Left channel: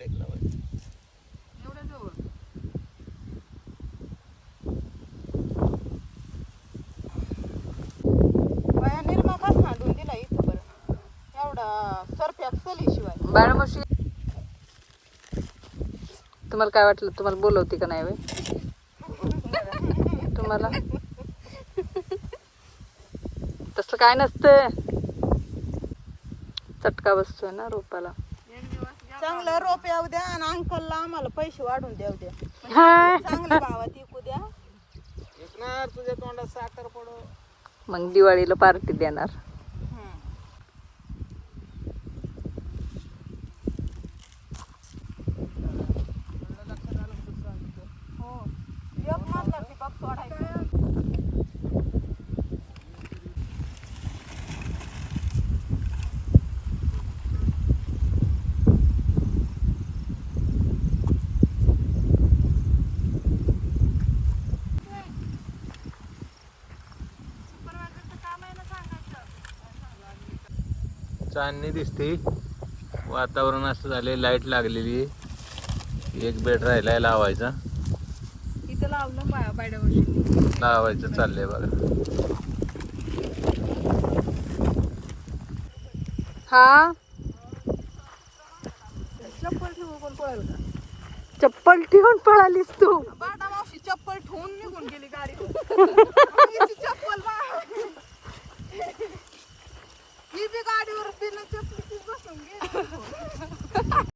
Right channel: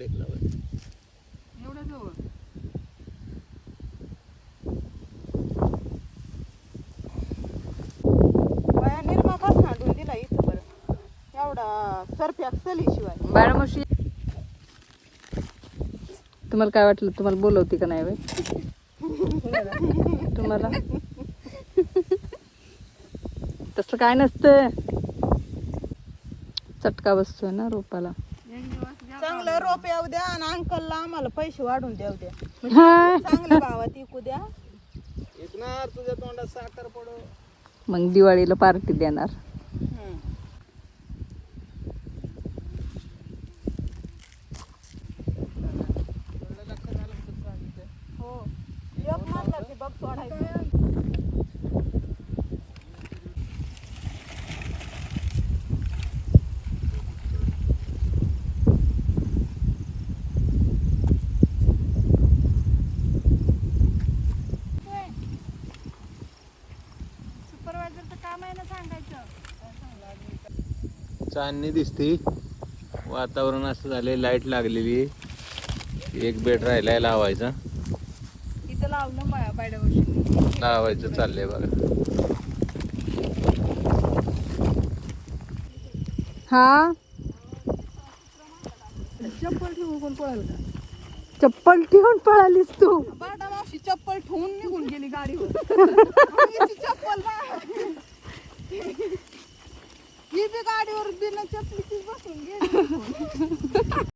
झाड एक लावायचं. एवढ्या जवळ बाया निर्मा कसा आणून दिला इथं एवढा सरप्यात चलीशिवाय बाळमावशी तुम्हाला काय वाटलं? तुम्हाला बोलवते का नाही बाई? तुम्हाला तसलं काय नसतं, चटका बसतोय ना रोपाला. चांगलं रोप येऊ द्या आणि अंकलला आम्हाला पैसे वाढून देऊ द्या, म्हणजे चांगल्या भावात विकू द्या. विकणार तुझ्या तोंडात साखर पडो. मग दिवाळीला पार्टी देणार. हम्म. हो एक माणसाची बघ तोडायची. चांदणी दिसती, वातावरण असं झाले, लाईट लागलेली. एक बेड राहिलाय लावायचा. इथं लावलं बाळमावशी. लावायचं चाललंय बघा. हा चप्पल ठेवून पळालीस तू. बाटा मावशी चप्पल ठेवून निघून गेली गाडीवर. आणि याची चप्पल ही बी गाडीवर बिना चपलीची बसून गेली.